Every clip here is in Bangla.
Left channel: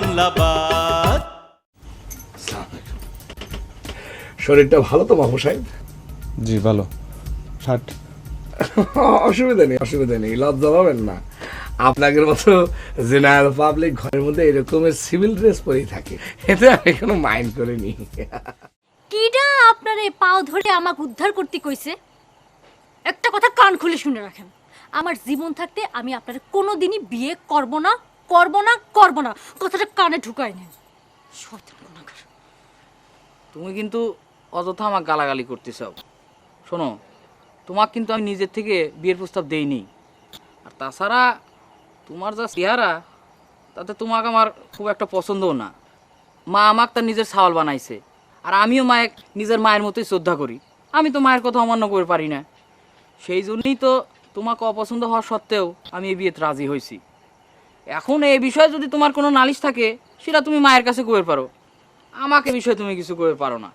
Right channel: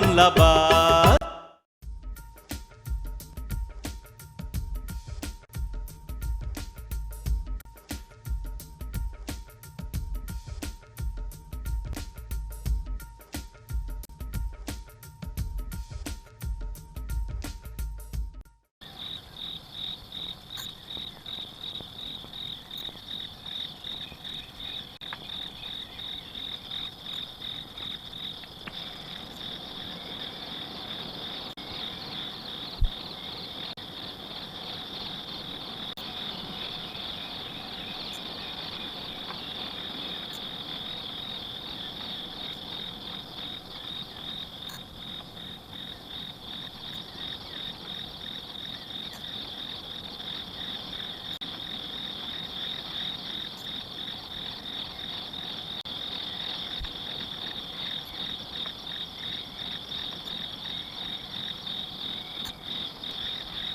মামলাবাদ শরীরটা ভালো তো মামু সাহেব? জি ভালো। ষাট। অসুবিধা নেই অসুবিধা নেই লজ্জা পাবেন না। আপনাদের মতো জেনারেল পাবলিক ঘরের মধ্যে এরকমের সিভিল ড্রেস পরেই থাকে এতে আমি কোনো মাইন্ড করিনি। কিডা আপনারে পাও ধরে আমাকে উদ্ধার করতে কইছে? একটা কথা কান খুলে শুনে রাখেন আমার জীবন থাকতে আমি আপনাদের কোনো দিনই বিয়ে করব না করব না করব না। কথাটা কানে ঢুকাই না। তুমি কিন্তু অযথা আমার গালাগালি করতেছ। শোনো তোমার কিন্তু আমি নিজের থেকে বিয়ের প্রস্তাব দেইনি। তাছাড়া তোমার যা চেহারা, তাতে তোমাকে আমার খুব একটা পছন্দও না। মা আমাকে তার নিজের সাওয়াল বানাইছে। আর আমিও মায়ের, নিজের মায়ের মতোই শ্রদ্ধা করি। আমি তো মায়ের কথা অমান্য করে পারি না। সেই জন্যই তো তোমাকে অপছন্দ হওয়া সত্ত্বেও আমি এই বিয়েতে রাজি হয়েছি। এখন এই বিষয়ে যদি তোমার কোনো নালিশ থাকে সেটা তুমি মায়ের কাছে করে পারো। আমাকে বিষয়ে তুমি কিছু করে পারো না।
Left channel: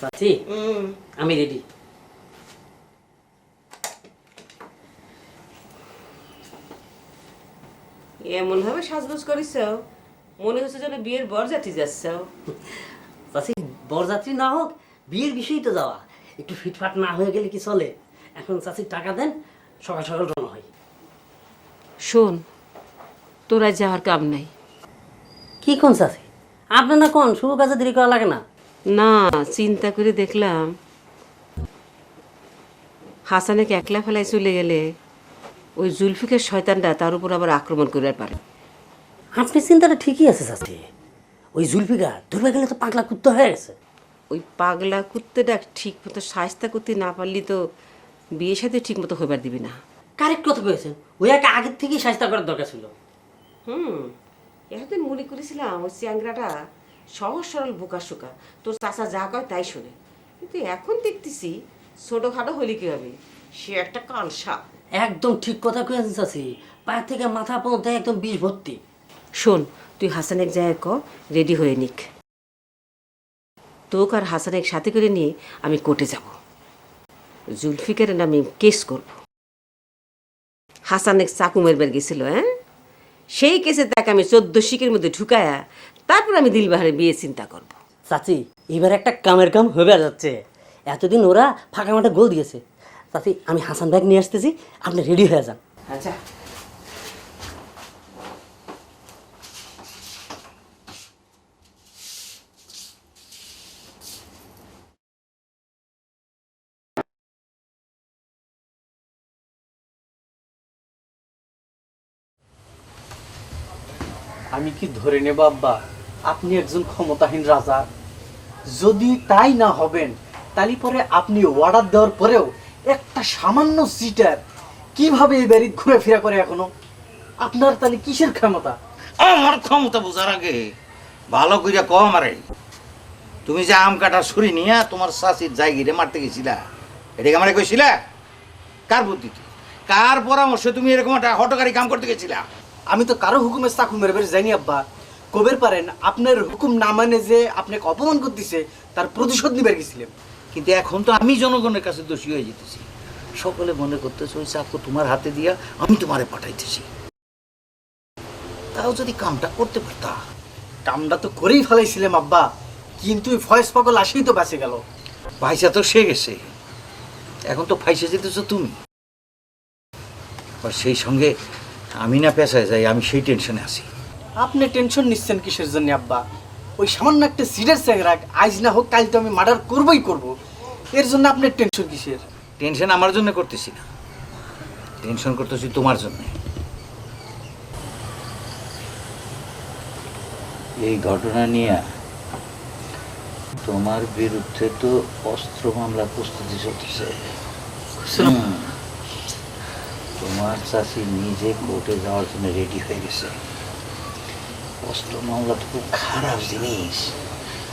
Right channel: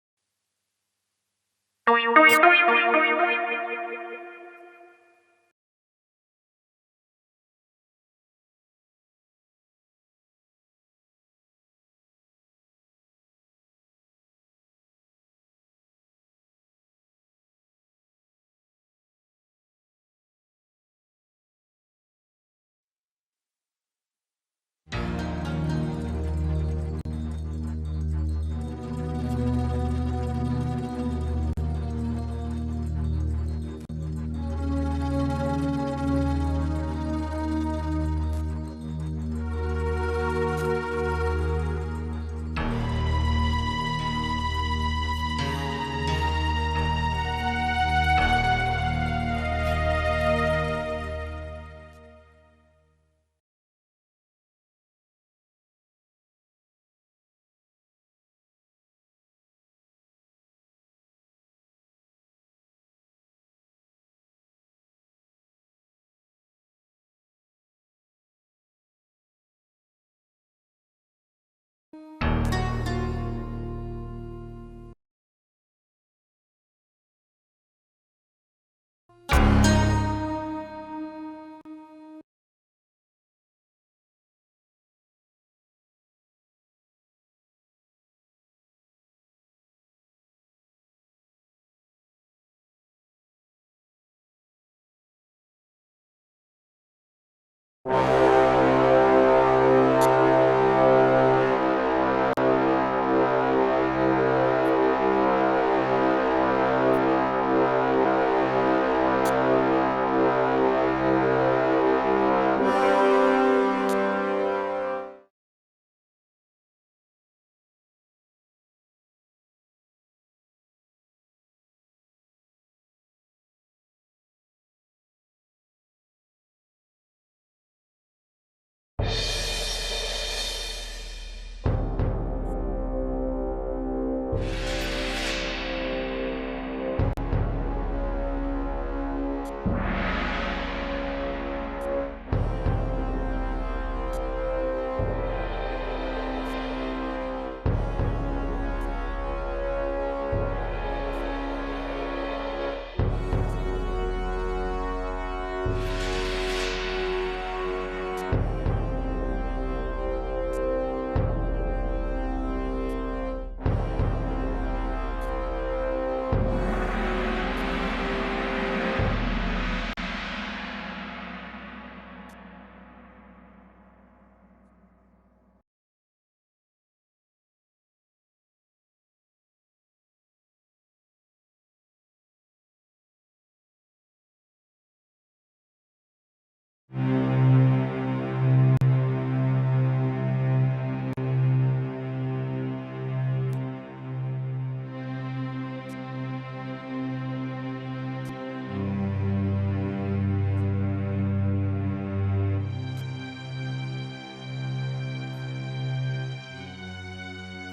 চাচি আমি রেডি। এমন ভাবে সাজগোজ করিস মনে হচ্ছে যেন বিয়ের বরযাত্রী যাচ্ছ চাচি বরযাত্রী না হোক বিয়ের বিষয়ই তো যাওয়া। একটু ফিটফাট না হয়ে গেলে কি চলে? এখন চাচি টাকা দেন সকাল সকাল রওনা হয় শোন তোরা যাওয়ার কাম নাই। কি কোন চাচি? আপনার না কোন শুভ কাজে দেরি করা লাগে না? না চিন্তা করে দেখলাম। হাসানেকে একলা ফেলায় চলে গেলে ওই জুলফিকের শয়তানটা তার উপর আবার আক্রমণ করে পারে। আপনি চিন্তাটা ঠিকই আছে চাচি। ওই জুলফিকা ধরবে গেলে তো পাগলা কুত্তা হয়ে গেছে। ওই পাগলা কুত্তেটা ঠিক মতো সাজতা করতে না পারলি তো বিয়ের সাথে ঠিক মতো হইবার দিবি না। কারেক্ট কথা বলেছেন। ওই একা আগের থেকেই সাজতা করার দরকার ছিল। হুম এতদিন মনে করেছিলাম ওই চ্যাংরাটা সহজ সরল বোকা শোকা। তোর চাচা যা কয় তাই শোনে। কিন্তু এখন দেখতেছি ছোটোখাটো হলি কি হবে? সে একটা কালসা। একদম ঠিক কথা কয়েছেন চাচি। পায়ের থেকে মাথা পর্যন্ত একদম বিষ ভর্তি। শোন তুই হাসানের জায়গায় ক রেডি হয়ে নিক। তোকে আর হাসানের সাথে করে নিয়ে আমি কোর্টে যাব। জুলফিকারের নামে কেস করব। হাসানের চাকু মেরবার গেছিল হ্যাঁ? সেই কেসে তাকে আমি চোদ্দ শিকের মধ্যে ঢুকায়া তারপর আমি দিলবাহারে বিয়ে চিন্তা করব। চাচি এবার একটা কামের কাম হয়ে যাচ্ছে। এতদিন ওরা ফাঁকা মাঠে গোল দিয়েছে। চাচি আমি হাসান ব্যাগ নিয়ে আসতেছি আপনি রেডি হয়ে যান। আচ্ছা। ধরে নেব আব্বা আপনি একজন ক্ষমতাহীন রাজা। যদি তাই না হবেন তালি পরে আপনি অর্ডার দেওয়ার পরেও একটা সামান্য সিটার কীভাবে এই বাড়ি ঘুরে ফেরা করে এখনও? আপনার তাহলে কিসের ক্ষমতা? আমার ক্ষমতা বোঝার আগে ভালো করে কম আমারে, তুমি যে আম কাটা ছুরি নিয়ে তোমার শাশির জায়গিরে মারতে গেছিলা এটাকে আমারে কইছিলা? কার বুদ্ধিতে? কার পরামর্শে তুমি এরকম একটা হটকারী কাম করতে গেছিলা? আমি তো কারও হুকুমে চাকু মেরে বেড়ে যাইনি আব্বা। কবের পারেন আপনার হুকুম না মানে যে আপনাকে অপমান করতেছে তার প্রতিশোধ নিবে গেছিলেন কিন্তু এখন তো আমি জনগণের কাছে দোষী হয়ে যেতেছি। সকলে মনে করতেছে ওই চাকু তোমার হাতে দিয়া আমি তোমারে পাঠাইতেছি। তাও যদি কামটা করতে পারতা। কামটা তো করেই ফেলাইছিলাম আব্বা। কিন্তু ফয়েস পাগল আসেই তো বেঁচে গেল। ভাইসা তো সে গেছে। এখন তো ফাইসে যেতেছো তুমি। আর সেই সঙ্গে আমি না পেশায় যাই আমি সেই টেনশনে আছি। আপনি টেনশন নিচ্ছেন কিসের জন্য আব্বা? ওই সামান্য একটা সিডের স্যাংরা আজ না হোক কাল তো আমি মার্ডার করবই করব। এর জন্য আপনার টেনশন কিসের? টেনশন আমার জন্য করতেছি না। টেনশন করতেছি তোমার জন্য। এই ঘটনা নিয়ে তোমার বিরুদ্ধে তো অস্ত্র মামলা প্রস্তুতি চলতেছে। তোমার চাষি নিজে কোর্টে যাওয়ার জন্য রেডি হয়ে গেছে। অস্ত্র মামলা তো খুব খারাপ জিনিস।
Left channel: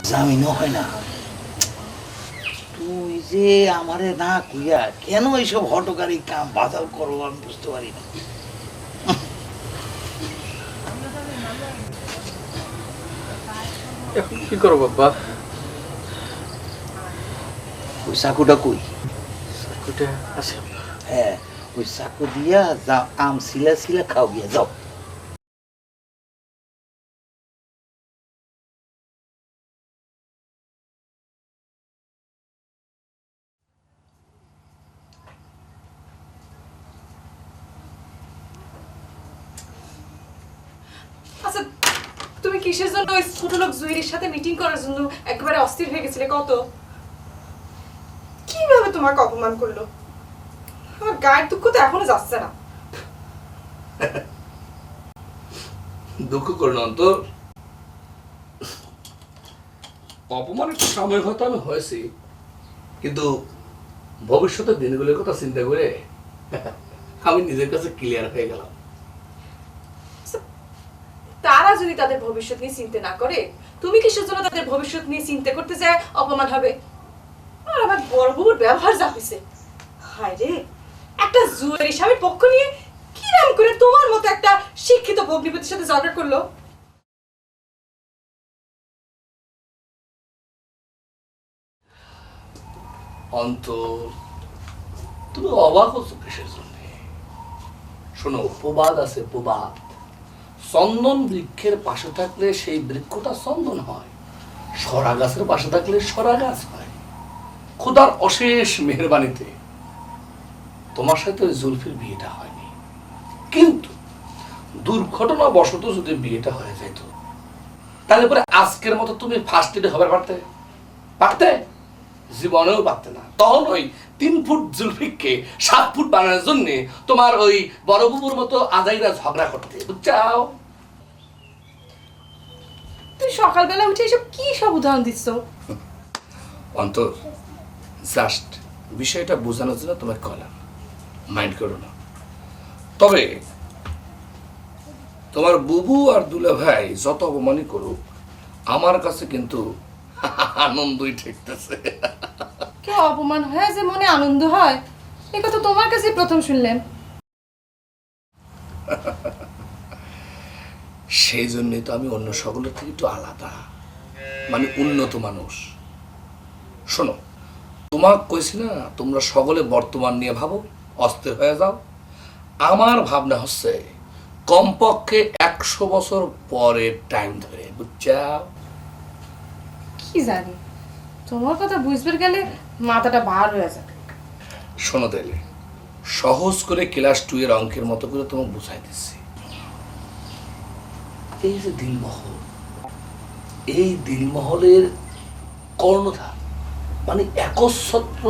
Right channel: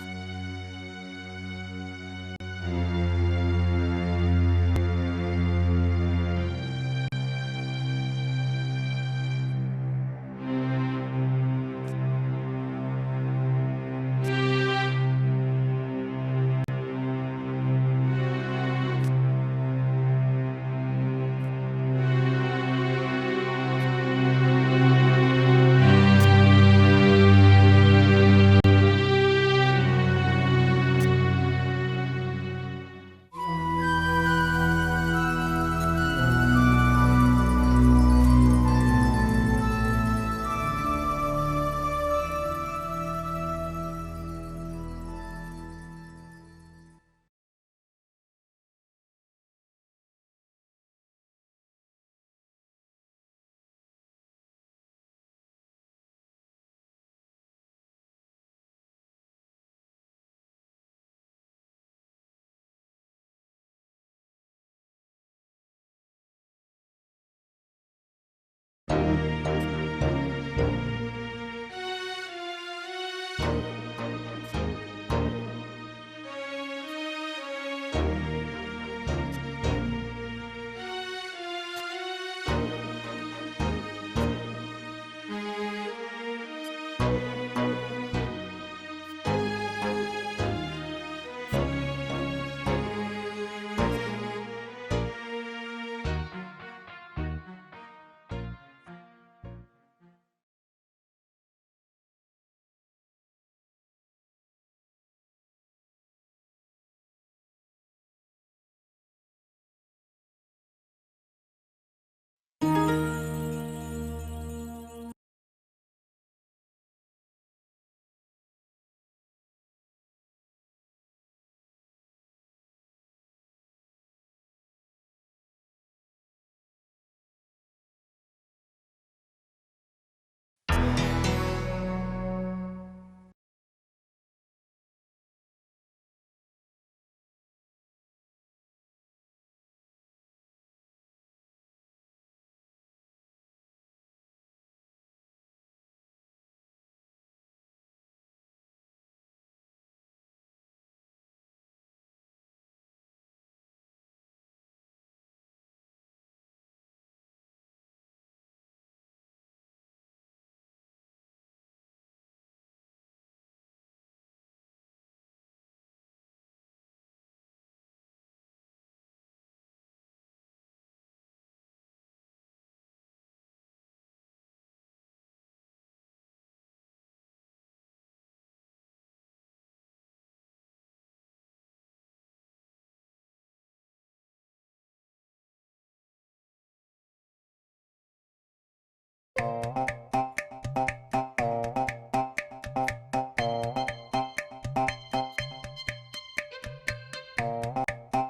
জামিনও হয় না। তুমি যে আমারে না কইয়া কেন এইসব হটকারী কাম বাদাল করো আমি বুঝতে পারি না। কি করব বাবা? ওই চাকুটা কই? ওটা আছে। হ্যাঁ। ওই চাকু দিয়া আম আচ্ছা তুমি কিসের জন্য ওই ছোট লোক সাথে মিটিং করার জন্য একেবারে অস্থির হয়ে গেছিলে? কত? কীভাবে তোমাকে অপমান করল? আমার গায়ের দুঃখ তো এখনও যাচ্ছে না। দুঃখ করুন অন্তর। অপমান একটু সাময়িক হয়তো আমি হয়েছি কিন্তু ভবিষ্যতের দিনগুলোর কথা চিন্তা করে আমি নিজের কাছে ক্লিয়ার হয়ে গেলাম। তারা যদি তাদের ভবিষ্যৎ নিয়ে চিন্তা না করে তুমি কিসের জন্য তাদের ভবিষ্যৎ নিয়ে চিন্তা করতে যায় অপমান হবে। আর আমার বড় বউর ব্যবহার যা হয়েছে। হায় রে! একটা জুয়ের স্বামীর পক্ষ নিয়ে কিরাম করে তোমার মতো একটা শিক্ষিত ভগ্নিপতির সাথে ঝগড়া করল? অন্তর, তুমি অবাক শোনো, প্রবাদ আছে প্রবাদ। চন্দন বৃক্ষের পাশে থাকলে সেই বৃক্ষটা চন্দন হয়। সরা গাছের পাশে থাকলে সরা গাছ হয়। খোদার অশেষ মেহরবানিতে তোমার সাথে ওই জুলফির বিয়েটা হয়নি। কিন্তু দুর্ঘটনা বশত যদি বিয়েটা হয়ে যেত তাহলে পরে আজকের মতো তুমি ফার্স্ট এডে হবে পারতে? পারতে? জীবনেও পারতে না। তখন ওই তিন ফুট জুলফিককে সাত ফুট বানানোর জন্য তোমার ওই বড় বুবুর মতো আজাইরা ঝগড়া করতে বুঝছাও? তুই সকালবেলা উঠে এসব কি সব উদাহরণ দিচ্ছ অন্তর জাস্ট বিষয়টা বোঝানোর জন্য তোমাকে কলাম। মাইন্ড করো না। তবে তোমার বুবু আর দুলা ভাই যত অপমানই করুক আমার কাছে কিন্তু আনন্দই ঠেকতেছে। কেউ অপমান হয় যে মনে আনন্দ হয় এ কথা তোমার কাছে প্রথম শুনলেন সেই জন্যই তো আমি অন্য সকলের থেকে একটু আলাদা মানে উন্নত মানুষ। শোনো তোমাক কইছি না তোমরা সকলে বর্তমান নিয়ে ভাবো। অস্থির হয়ে যাও। আমার ভাবনা হচ্ছে কমপক্ষে একশো বছর পরের টাইম ধরে বুঝছাও? কি জানি তোমার কথা বুঝবার গেলে মাথাটা বার হয়ে যাবে। শোনো তাইলে সহজ করে ক্লাস টু এর অঙ্কের মতো করে তোমাকে বুঝাই দিচ্ছি। এই যে দিনমহল এই দিনমহলের কর্ণধার মানে একচ্ছত্র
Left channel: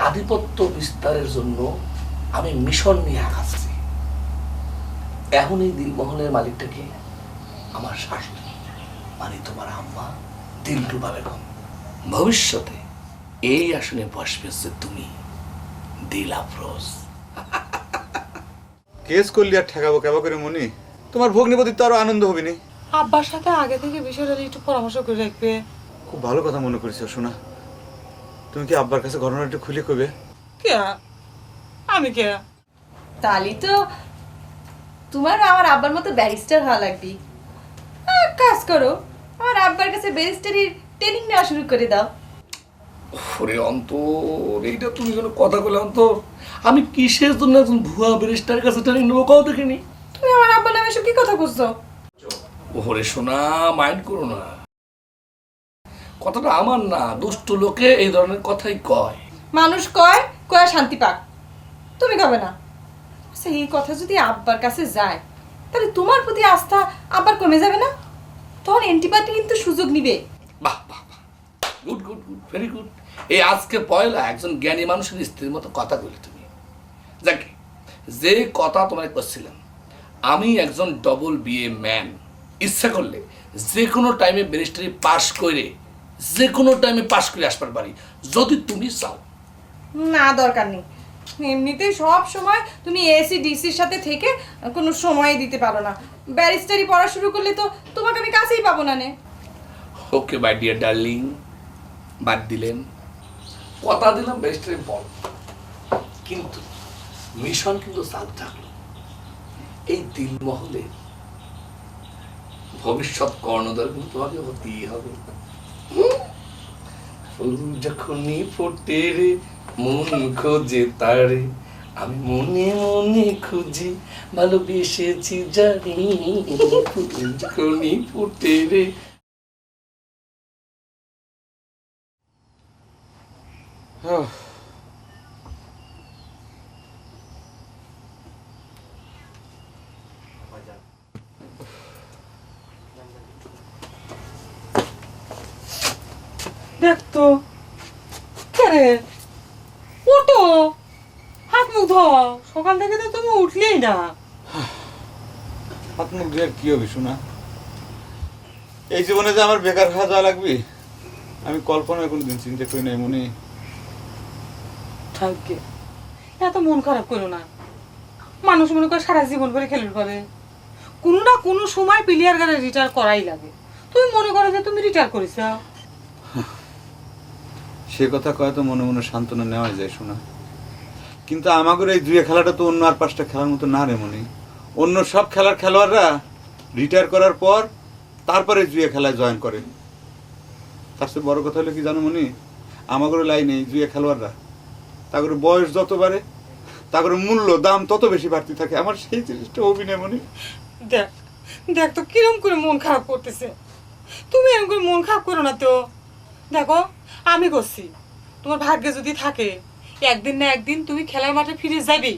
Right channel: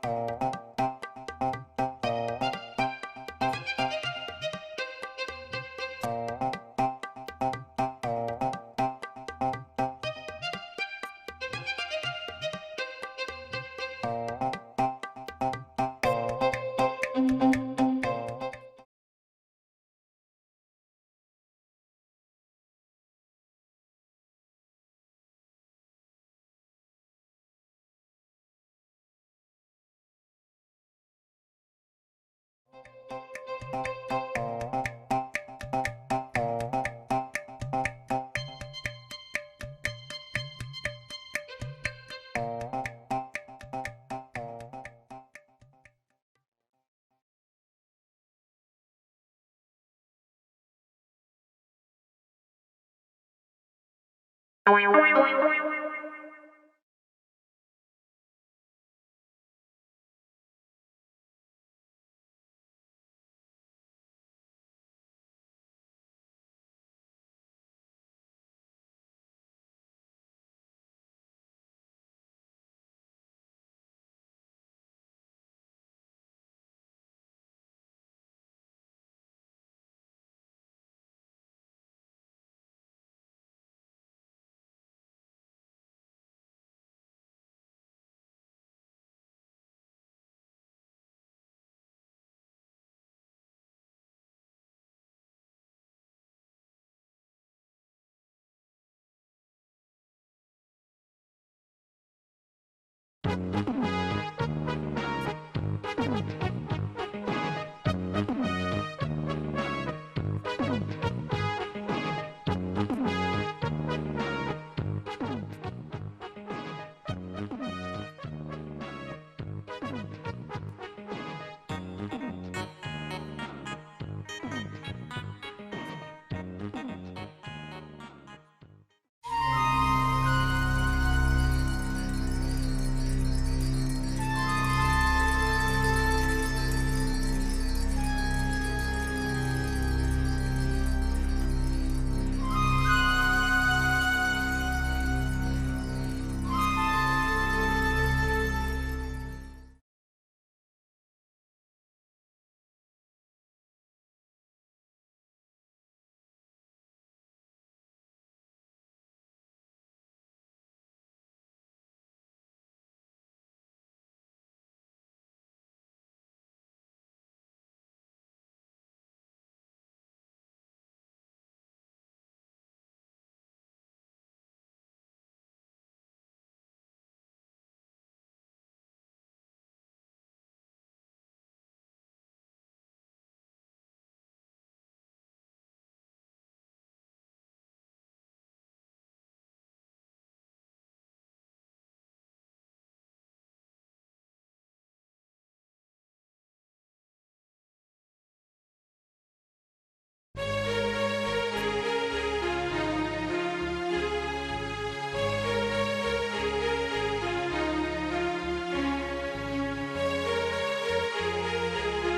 আধিপত্য বিস্তারের জন্য আমি মিশন নিয়ে আগাচ্ছি এখন এই দিনমহলের মালিকটা কি? আমার শাশুড়ি। মানে তোমার আম্মা দিলরুবা বেগম ভবিষ্যতে এই আসনে বসবে যে তুমি রোজ কেস করলি আর ঠেকাবো কেবা করে মনি তোমার ভগ্নিপতির তো আরও আনন্দ হবে নি আব্বার সাথে আগে থেকে বিষয়টা একটু পরামর্শ করে রাখবে। খুব ভালো কথা মনে করেছ শোনা তুমি কি আব্বার কাছে ঘটনা একটু খুলে কবে কে? আমি কে? তালি তো তোমার আমার আব্বার মতো ব্যারিস্টার হওয়া লাগবে। কাজ করো আমার আব্বার কাছে ব্যারিস্টারি ট্রেনিং নেওয়া শুরু করে দাও। ওরে অন্তর এইটা তুমি কোনো কথা বলে অন্তর? আমি কিসের জন্য একজন ভুয়া ব্যারিস্টারের কাছে ট্রেনিং নেব কাউ দেখিনি? তুমি আমার আব্বার নামে এসব কি কথা বুঝছ ওরে শোনা মাইন্ড করো না। কথাটা আমার না দুষ্ট লোকে এই ধরনের কথাই কয়। মানুষ কয় কয় শান্তি পাক। তুমি কবে না। সেই কথা যদি আব্বার কাছে যায় তাহলে তোমার প্রতি আস্থা আব্বার কমে যাবে না? তখন অ্যান্টিবায়োটিক কিন্তু সুযোগ নিবে। বাহ বাহ good good good very good এই আজকে পয়লা একজন জ্ঞানী মানুষের স্ত্রীর মতো কথা বলে তুমি। যাকে যে কথা তোমায় করছিলাম আমি একজন ডবল বিএ ম্যান ইচ্ছা করলে যে কোনো টাইমে ব্যারিস্টারি পাশ করে যে কোনো টাইমে পাশ করে আসবার পারি যদি তুমি চাও। না দরকার নেই। এমনিতেই সব সময় তুমি এসি ডিসির সাথে থেকে কোনো সময় দিতে পারো না। ব্যারিস্টারি পড়া শুরু করলে তো তোমাকে আমি কাছেই পাবো না নে। ওকে বাই ডিয়ার ডার্লিং বাদ দিলেন। কথা দিলাম ব্যারিস্টারি পর কিন্তু মিশন কিন্তু সাবধান এই তিন মহলে ভবিষ্যৎ কর্ণধার কিন্তু তোমাকে হতেই হবে। যখনই ফোটে রে, মন খোঁজে তারে। আমি মনে মনে খুঁজি, ভালোবেসেছি জানি। যখনই ফোটে রে। কি হবে শোনা? এই জীবনে যে আমার বেকার খাওয়া যাওয়া লাগবে আমি কল্পনায় কোনোদিন চিন্তা করি নাই মনে। থাকবে এত মন খারাপ করো না। মানুষ মনে করে সারা জীবন করে খেলুর করে কোনো না কোনো সময় প্লেয়ার গানে রিটায়ার করাই লাগে। তুমি মনে করো যে তুমি রিটায়ার করেছ। সে কথা কয় তো মনে মনে সান্ত্বনা নেওয়া যায় শোনা। কিন্তু আমাদের এই দুয়ে খেলাটা তো অন্য আর পাঁচটা খেলার মতো না রে মনে। অন্য সব খেলার খেলোয়াড়রা রিটায়ার করার পর তারপরে জুয়ে খেলায় জয়েন করে। তার চেয়ে বড় কথা হলো কি জানো মনি? লাইনে এই জুয়ে খেলোয়াড়রা তাদের বয়স যত বাড়ে তাদের মূল্য দাম তত বেশি বাড়তে থাকে। আমার সেই জিনিসটা অভিনয় মনে। দেখ দেখ তো কিরম করে মন খারাপ করতেছে। তুমি এরকম করে মন খারাপ করো না তো। দেখো আমি করছি। তোমার ভাগ্যে যদি থাকে একদিন না একদিন তুমি খেলার মাঠে ফিরে যাবে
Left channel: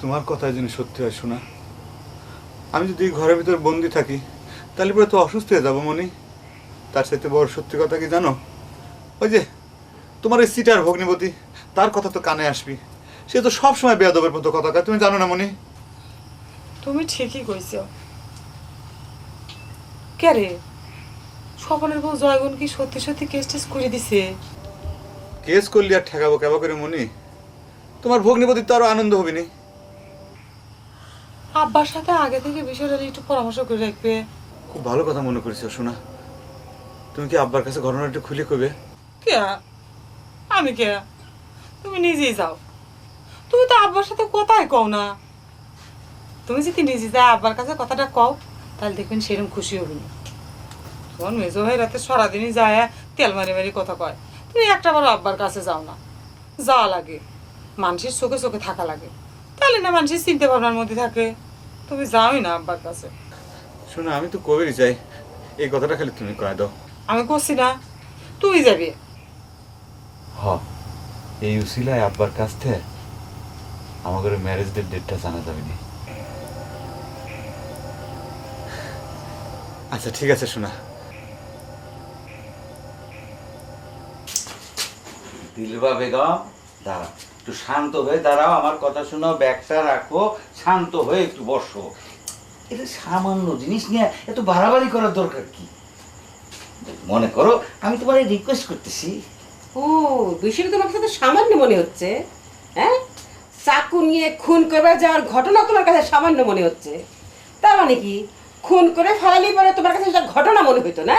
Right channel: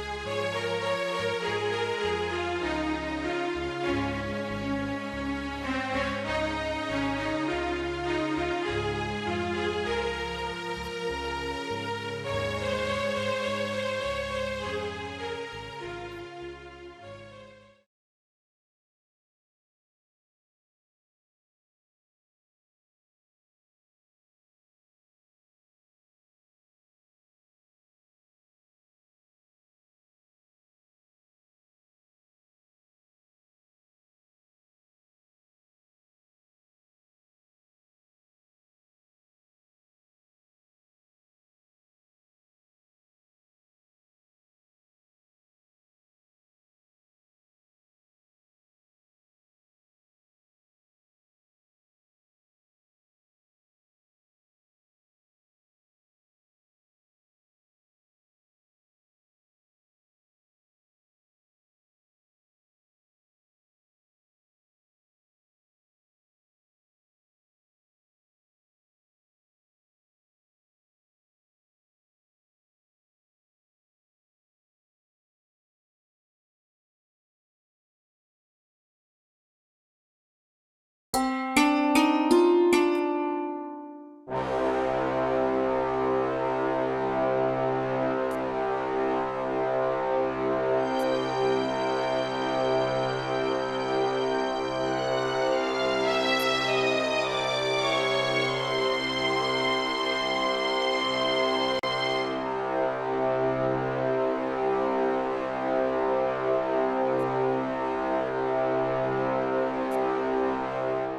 তোমার কথা জিনিস সত্যি হয় শোনা আমি যদি ঘরের ভিতর বন্দি থাকি তাহলে পরে তো অসুস্থ হয়ে যাব মনি। তার সাথে বড় সত্যি কথা কি জানো? ওই যে তোমার এই সিটার ভগ্নিপতি তার কথা তো কানে আসবি সে তো সবসময় বেয়াদবের মতো কথা তুমি জানো না মনি? তুমি ঠিকই কইছ। কে রে? স্বপনের বউ জয়গুণ কি সত্যি সত্যি কেস টেস করে দিছে? কেস করলি আর ঠেকাবো কেবা করে মনি? তোমার ভগ্নিপতির তো আরও আনন্দ হবে নি আব্বার সাথে আগে থেকে বিষয়টা একটু পরামর্শ করে রাখবে। খুব ভালো কথা মনে করেছ শোনা তুমি কি আব্বার কাছে ঘটনাটা খুলে কবে কে? আমি কে? তুমি নিজেই যাও। তুমি তো আব্বার সাথে কথাই কও না। তুমি যদি নিজে যা আব্বার কাছে কথাটা কও তাহলে দেখবেন সেরকম খুশি হবি না। তোমার মেজো ভাই রাতে সারাদিনই যায় তেল মারি মারি কথা কয়। তুমি একটা বার আব্বার কাছে যাও না। যাওয়া লাগে। মানুষের চোখে চোখে থাকা লাগে। তাহলে না মানুষের চিন্তা ভাবনার মধ্যে থাকে। তুমি যাওই না আব্বার কাছে। শোনা আমি তো কবেরই চাই। এই কথাটা খালি তুমি কয়ে দাও। আমি করছি না। তুই যাবি। হ এই উসিলায় আব্বার কাছ থেকে আমাদের ম্যারেজ ডেট ডেটটা জানা যাবে নি। আচ্ছা ঠিক আছে শোনা। বেগম? একটু শান্ত হয়ে দাঁড়াও আমার কথা শোনো ব্যাগটা রাখো শান্ত হয়ে একটু বসো। এটা সামান্য জিনিস নিয়ে একটু বাড়াবাড়ি করার দরকার কি? মনে করো আমি তোমার রিকোয়েস্ট করতেছি। ও বিষয়টা তোমার তো সামান্য মনে হচ্ছে হ্যাঁ? চাকু নিয়ে খুন করবার যাওয়ার ঘটনা তোমার কাছে সামান্য মনে হচ্ছে। তার মানে কি? খুন করে ফেলালি পরে তোমার কাছে ঘটনা মনে হইতো না?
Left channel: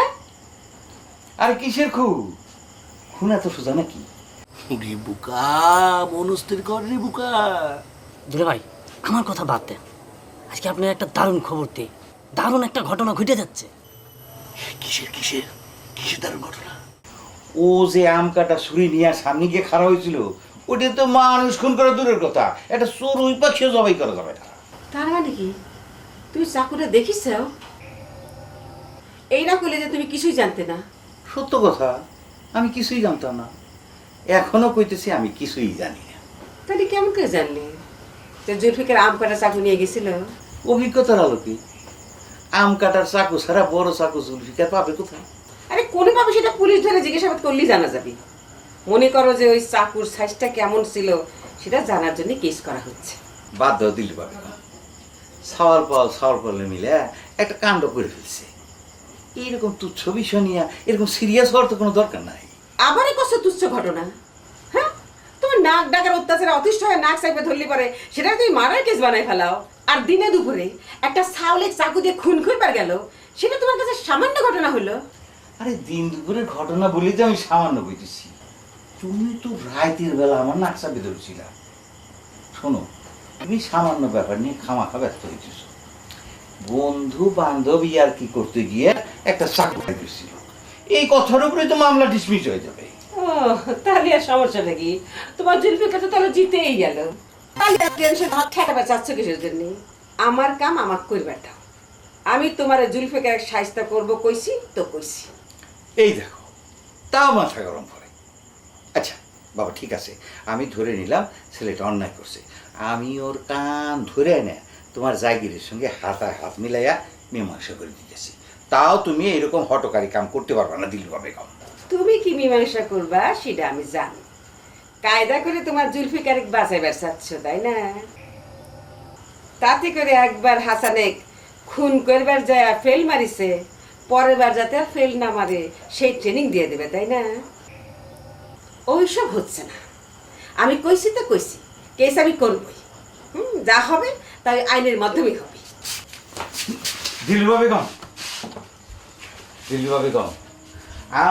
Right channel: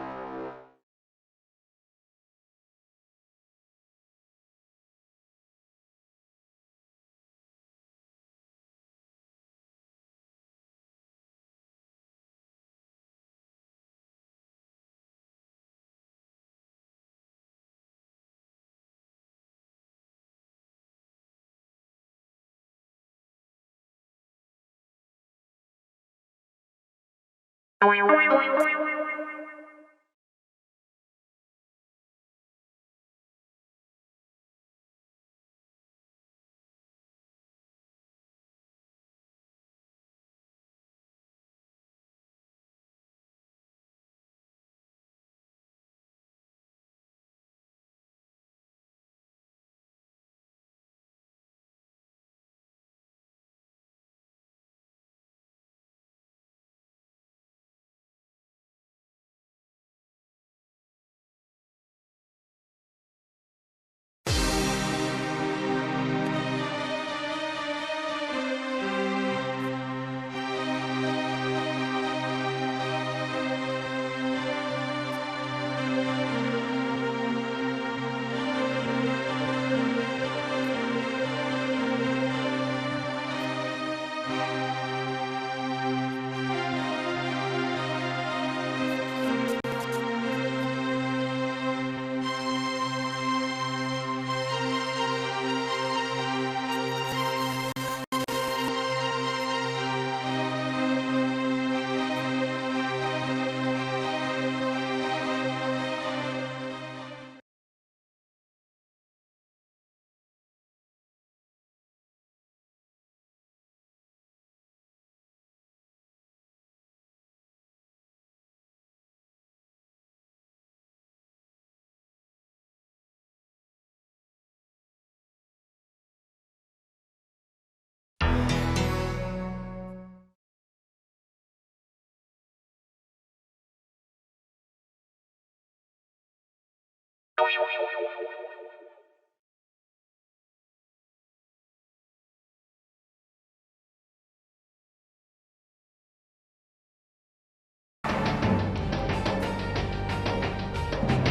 আর কিসের খুন? খুন এত সোজা নাকি? রে বুকা মনস্থির কর রে বুকা। দুলে ভাই আমার কথা বাদ দেন। আজকে আপনার একটা দারুণ খবর দিই। দারুণ একটা ঘটনা ঘটে যাচ্ছে। কিসের কিসের? কিসের দারুণ ঘটনা? ও যে আম কাটা ছুরি নিয়ে সামনে গিয়ে খাড়া হয়েছিল ওটা তো মানুষ খুন করা দূরের কথা। একটা চোর ওই পাখিও জবাই করা যাবে না। তার মানে কি? তুমি চাকুটা দেখিস এই না করলে যে তুমি কিছুই জানতে না। সত্য কথা আমি কিছুই জানতাম না। এখনও কইতেছি আমি কিছুই জানি না। তাহলে কেমন করে জানলি? যে জুলফিকার আম কাটা চাকু নিয়ে গেছিল? অভিজ্ঞতার আলোকে আম কাটার চাকু ছাড়া বড় চাকু জুলফিকার পাবে কোথায়? আরে কোনোভাবে সেটা পুলিশ ধরে জিজ্ঞাসাবাদ করলেই জানা যাবে। মনে করো যে ওই চাকুর সাইজটা কেমন ছিল সেটা জানার জন্য কেস করা হচ্ছে। বাদ দাও দিলে পাবে না সাওয়াল পাল সাওয়াল পালে মিলে একটা কাণ্ড করে ফেলছে। এইরকম তুচ্ছ বিষয় নিয়ে এরকম সিরিয়াস হওয়ার তো কোনো দরকার নাই। আবারই কষ্ট তুচ্ছ ঘটনা। হ্যাঁ? তোমার নাক ডাকার অত্যাচারে অতিষ্ঠ হয়ে নাক সাইডে ধরলি পারে সেটা তুমি মারার কেস বানাই ফেলাও। আর দিনে দুপুরে একটা সাউলিক চাকু দিয়ে খুন খুনবার গেল, সেটা তোমার কাছে সামান্য ঘটনা হলো? আরে দিন দুপুরের ঘটনা বলেই তো আমি সামান্য বুঝেছি। তুমি তো বেলা আমার নাকশা বেরোচ্ছিল শোনো, তুমি সামান্য ব্যাপার নিয়ে খামাখা ব্যস্ত হয়েছিস বন্ধু বান্ধব আর কি করতে গিয়ে একটা চাকরি দিয়েছি এই কথার উপরে তো মামলা ডিসমিস হয়ে যাবে। তাহলে আর সমস্যা নাকি তোমার জুলফিকা তো তাহলে জিতেই গেল। তাহলে টেনশন হাত চাচ্ছ কিসের জন্য? আমার কাম আমার করবাটা আমি তোমার জুলফিকার সাহিস্তা করব কইছি তো কইছি। এই দেখো তাও মাথা গরম করে। আচ্ছা বাবা ঠিক আছে। আমি ধরে নিলাম ছেলেটা অন্যায় করছে। আমি ওর কান ধরে এনে তোমার জায়গিরের সঙ্গে হাতায় হাত মিলাইয়া মীমাংসা করে দিতেছি। তাও তুমি এরকম হটকারী কাম করতে পারবে না দিলবা বেগম তুমি কি মীমাংসা করবা সেটা আমি জানি। কায়দা করে তোমার জুলফিকার বাঁচাইবার চাচ্ছ তাই না? তাতে করে একবার হাসানেক খুন করবার যায় ফেল মারিছে পরের বার যাতে আর ফেল না মারে সেই ট্রেনিং দিয়ে দেবে তাই না? ওইসব হচ্ছে না। আমি কইছি তো কইছি কেস আমি করবই। হুম যা হবে তাই আইনের মাধ্যমেই হবে। দিলবা বেগম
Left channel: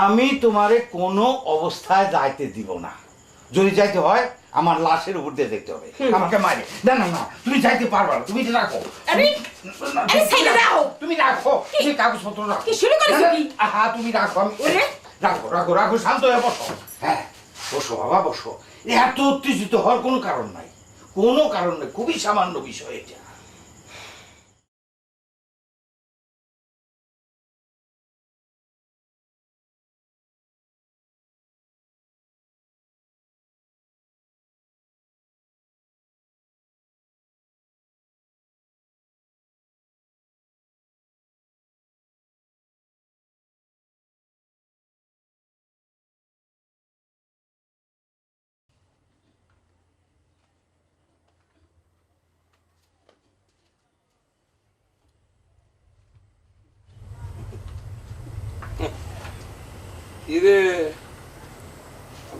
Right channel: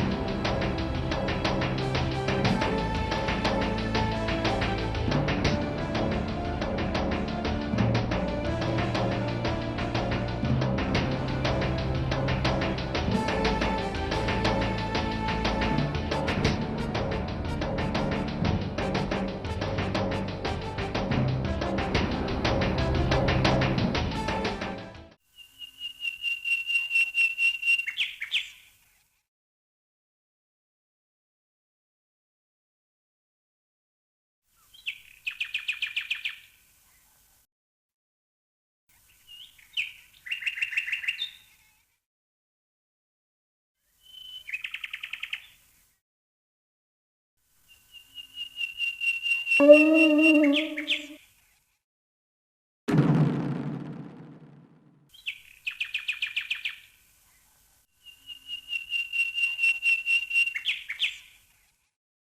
আমি তোমারে কোনো অবস্থায় যাইতে দিব না। যদি যাইতে হয় আমার লাশের উপর দিয়ে যেতে হবে। আমাকে মারি। না না না তুমি যাইতে পারবে না তুমি রাখো। আরে আরে সাইডে দাও। তুমি রাখো তুমি কাগজ পত্র রাখো কি শুরু করেছ কি? আহা তুমি রাখো আমি রাখো রাখো রাখো শান্ত হয়ে বসো। হ্যাঁ বসো বাবা বসো। এত উত্তেজিত হওয়ার কোনো কারণ নাই। কোনো কারণ নেই খুবই সামান্য বিষয়।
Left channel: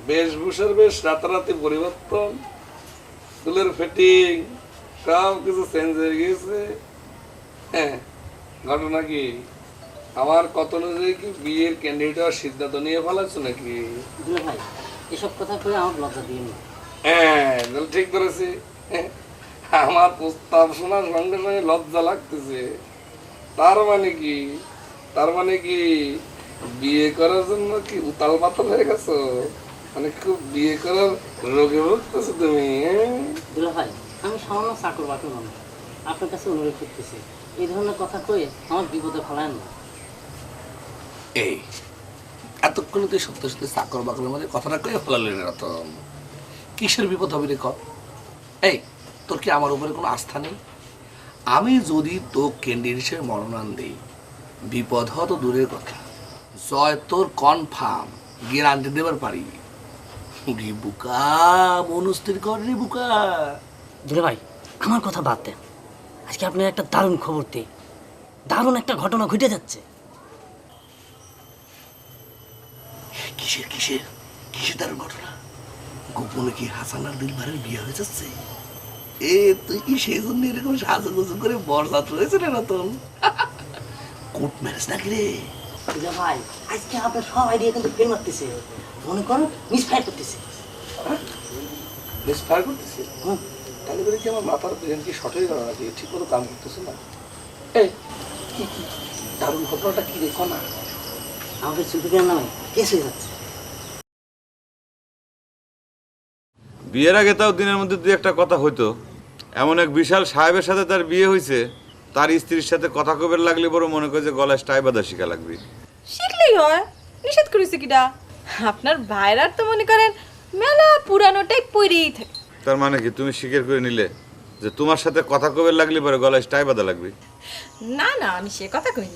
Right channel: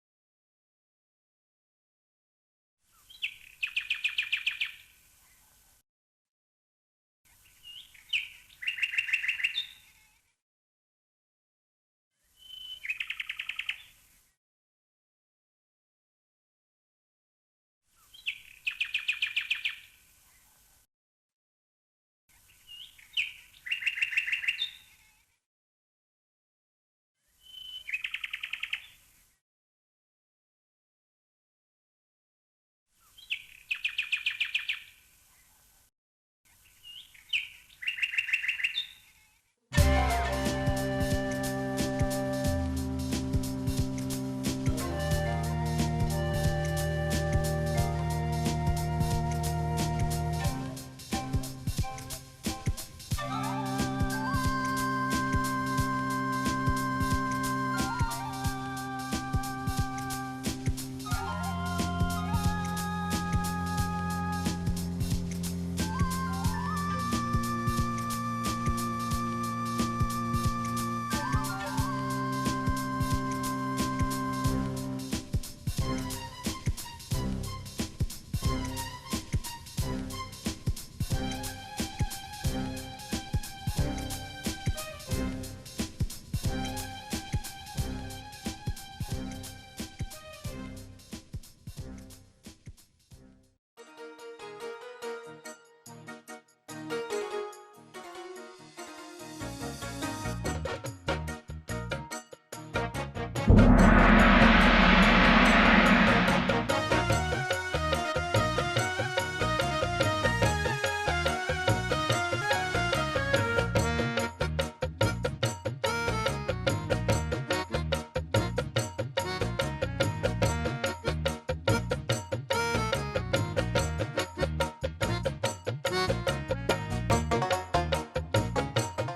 বেশভূষার বেশ রাতারাতি পরিবর্তন। চুলের ফিটিং সব কিছু চেঞ্জ হয়ে গিয়েছে। হ্যাঁ ঘটনা কি? আমার কত অনুযায়ী কি বিয়ের ক্যান্ডিডেট সিদ্ধান্ত নিয়ে ফেলাচ্ছ নাকি? ভাই এসব কথা কয়ে আমার লজ্জা দিয়ে নি। হ্যাঁ ঠিক করেছি আমার প্রস্তাব শোনার সঙ্গে সঙ্গে লজ্জা লাগতেছে। তার মানে কি? তার মানে কি বিয়ে করার জন্য কি উতাল পাতাল হয়ে গেছো? মানে খুব বিয়ে করার রোগে ভুগতেছো তুমি হ্যাঁ? ভাই আমি সামান্য চাকর বাকর মানুষ। আপনার কাছে অনুরোধ করতেছি এই ধরনের কথা কয়ে আমার বিপদে ফেলায় না। এই এতক্ষণ তুই সত্য সত্যি চাকর বাকরের মধ্যে কথাটা কয়ে ফেলালি না তো কিসের বিপদ হবে রে কর? এই, তোর কি আমার উপরে কোনো আস্থা নেই? আমি যদি তো ক্যান্ডিডেট হিসেবে মনোনয়ন দিই, বিপদ হওয়া তো দূরের কথা। জয় তোর কনফার্ম গ্যারান্টি দেবার পারি। রে বুকা কর রে বুকা। ভাই, আমার কথা বাদ দেন। আজকে আপনার একটা দারুণ খবর দিই। দারুণ একটা ঘটনা ঘটে যাচ্ছে। গোপনে কি হাসান আর দিলবারের বিয়ে হয়ে যাচ্ছে। এ তুই কি সেই জন্য এরকম সাজুগুজু করে বরদাত রয়েছে রে রতন? কোর্ট ম্যারেজ নাকি রে? ভাই আজকে আপনার সব আইডিয়া কিন্তু ফেল মারতেছে মনে করুন মিস ফায়ার করতেছে। বেশ ফায়ার করতেছি? হুম। তাহলে করে কি আমার মাথার ব্রেন কি শর্ট হয়ে গেল নাকি? ঠিক মতো কাম করতেছে না। এই কি কি দারুণ ঘটনাটা কি দেখো না আমাদের চুপিকার নামে কেস হয়ে যাচ্ছে। বিয়ের আগে তাও দিনের মধ্যে দুই একটা কথা হইতো। এমন এক বিশাল সাহেবের সাথে তার বিয়ে হয়েছে তার স্ত্রীর সাথে কথা কবের লাগলে বড় মনে করে যে গলায় স্টাই বাঁধা শিখা লাগবে। শিখলেই হয় নিষেধ করেছে কিটা আপনার ভাইরার তো মনে করেন মেলা পুরানোটাই পইরেই থাকে। তার মানে কি তুমি স্বীকার করে নিলে যে তোমার সাথে কথা কবের লাগলে পরে গলায় স্টাই বাঁধা লাগবে? না না আমি সে কথা কই